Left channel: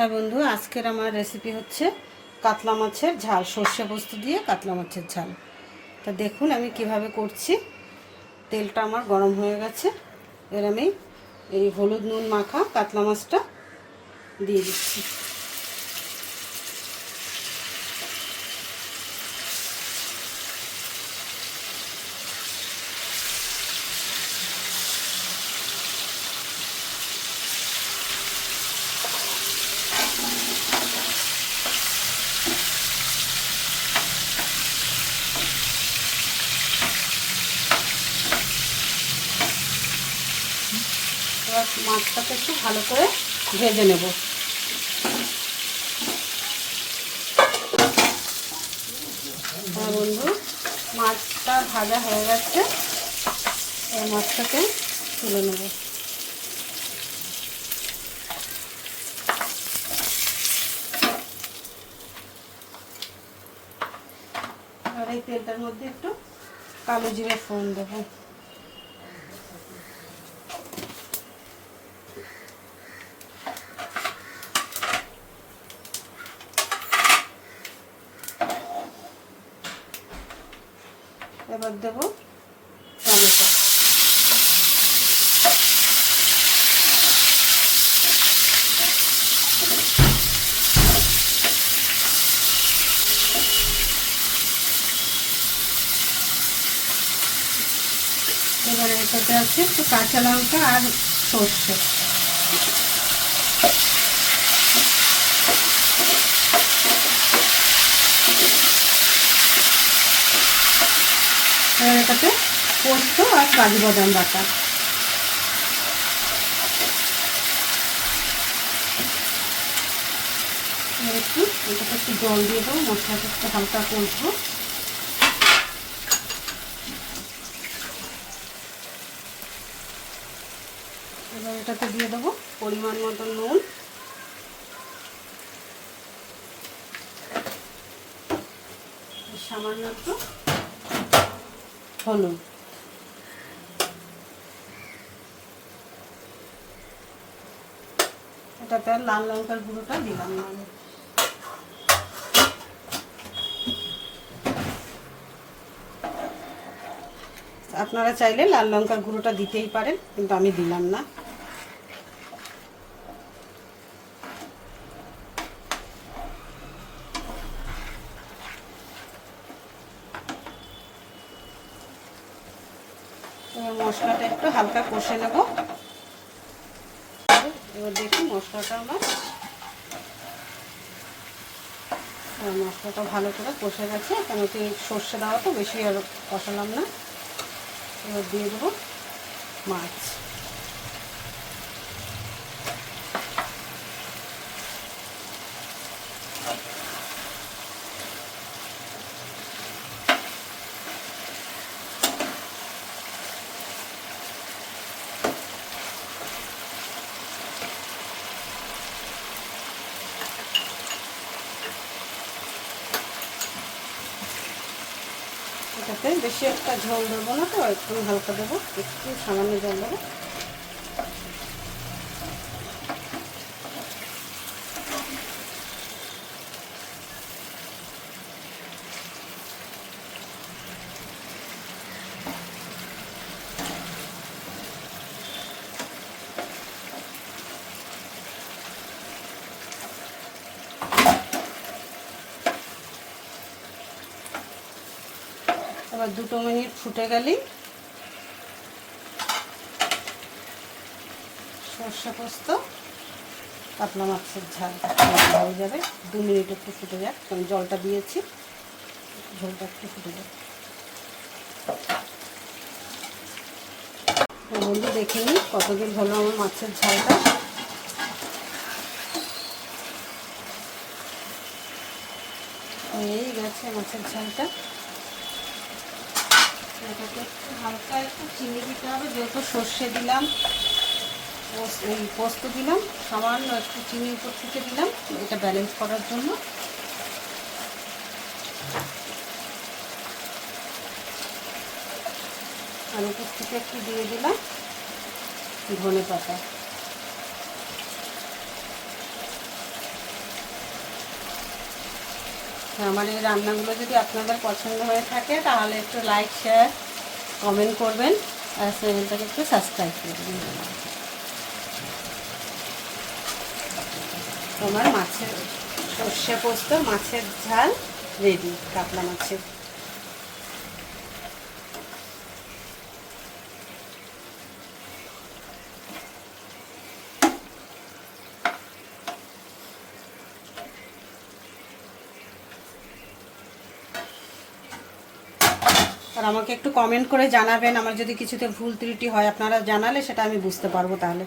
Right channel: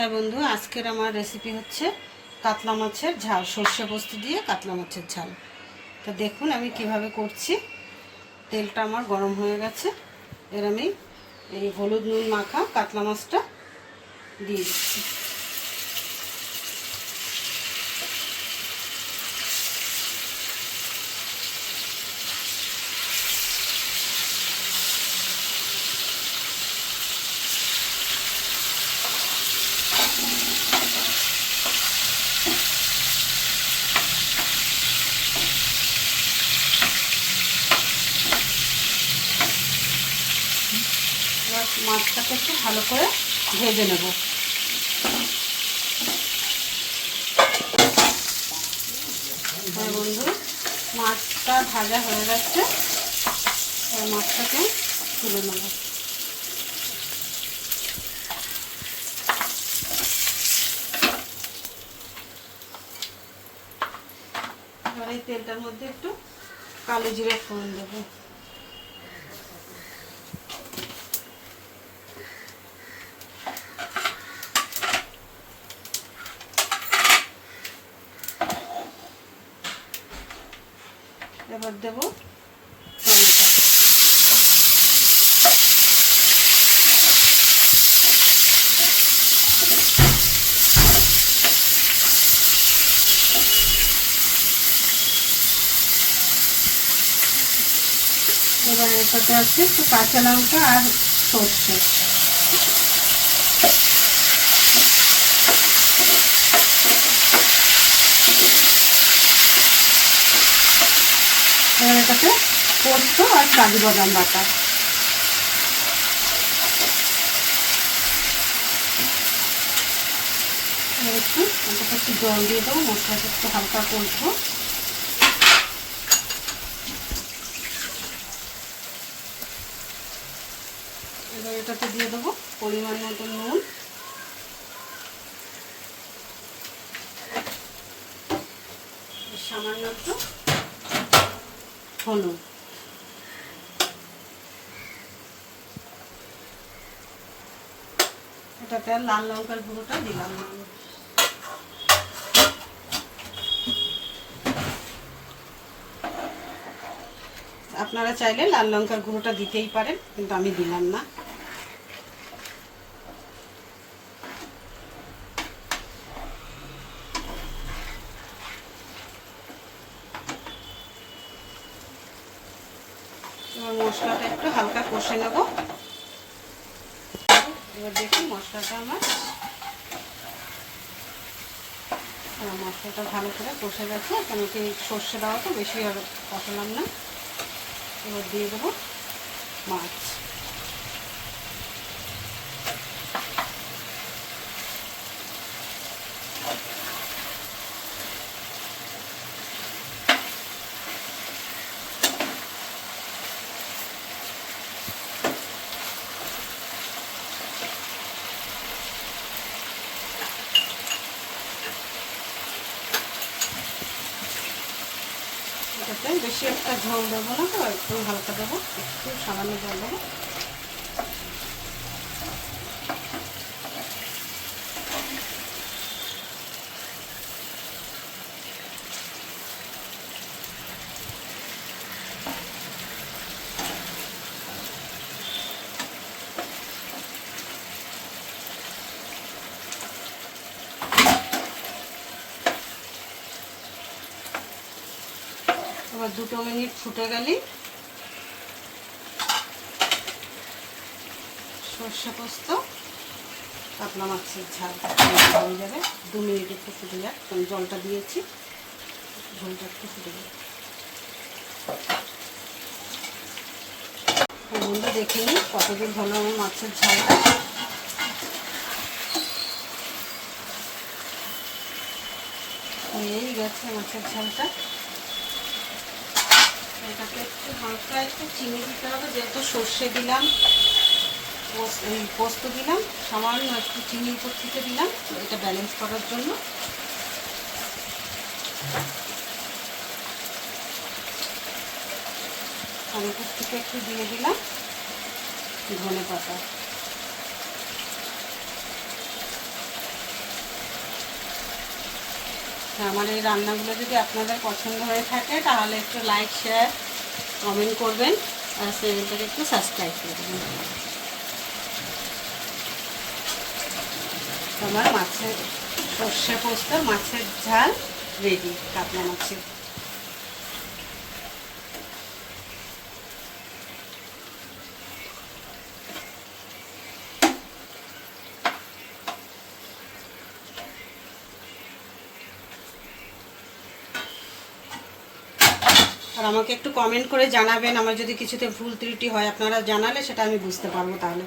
হ্যাঁ বন্ধু, আজকের আমার রেসিপি হচ্ছে কাতলা মাছের ঝাল, সর্ষে পোস্ত দিয়ে কাতলা মাছের ঝাল। তা দেখুন আমি কিভাবে করছি। তেলটা আমার গরম হয়ে গেছে। এর আমি এই হলুদ নুন মাখা কাতলা মাছটা দিয়ে দিচ্ছি। এবার মাছটাকে একটু ভালো করে ভেজে নেব। হ্যাঁ বন্ধু, মাছটা ভাজা হয়ে গেছে। এই মাছটাকে তুলে নেব। এবার এই তেলটার মধ্যে একটু কালো জিরে ফোড়ন দেবো। এবার দেবো টমেটো। এবার এটাতে আছে একটু কাঁচা লঙ্কা আর সর্ষে। এবার এটাতে পোস্ত আর কাজু বাদাম বাটা। একটু জল দিয়ে দেবো, মশলাটা একটু হালকা করবো। এবার এটাতে দিয়ে দেবো পরিমাণ মতো নুন, সামান্য একটু হলুদ। এটাতে লাল লঙ্কার গুঁড়োটা দিলাম না। আপনারা চাইলে লাল লঙ্কার গুঁড়োটা দিতেই পারেন, কিন্তু আমি দিলাম না। এবার মশলাটা একটু হালকা কষে নেব। এবার দেখুন মশলাটা মশলাটা ভালো করে কষে গেছে। কেন কি সর্ষে দেওয়া তো বেশি আর কষালাম না। এবার দিয়ে দেবো মাছ। এটাতে বেশি একটা ঝোল দেবো না, তো একটু হালকা দেবো, একটু সামান্য জল দেবো। এবার 2 মিনিট ফুটে গেলেই সর্ষে পোস্ত কাতলা মাছের ঝাল হয়ে যাবে। 2 মিনিট একটু ফুটে যাক, কারণ জলটা দিয়েছি, ঝোলটা একটু ফুটে যাবে। বন্ধু দেখে নিই কতদিন হলো আমার মাছের ঝালটা। হয়েই গেছে মাছের ঝালটা। এটাকে একটু হালকা একটু চিনি দিতে হবে, যেহেতু সর্ষে দিলাম, এই পোস্ত দিলাম, সামান্য একটু চিনি উপর থেকে দিলাম, এটা ব্যালেন্স করার জন্য। আর উপর থেকে একটু দিয়ে দিলাম ধনে পাতা। আমার এই রান্নাগুলো যদি আপনাদের পছন্দ হয়ে থাকে তাহলে একটু লাইক শেয়ার কমেন্ট করবেন আর চ্যানেলটাকে একটু সাবস্ক্রাইব করবেন। আমার মাছের সর্ষে পোস্ত মাছের ঝাল রেডি, কাতলা মাছের। আর আমাকে একটু কমেন্ট করে জানাবেন, আমার যদি কিছুতে ভুল ত্রুটি হয় আপনারা জানালে সেটা আমি বুঝতে পারবো তাহলে।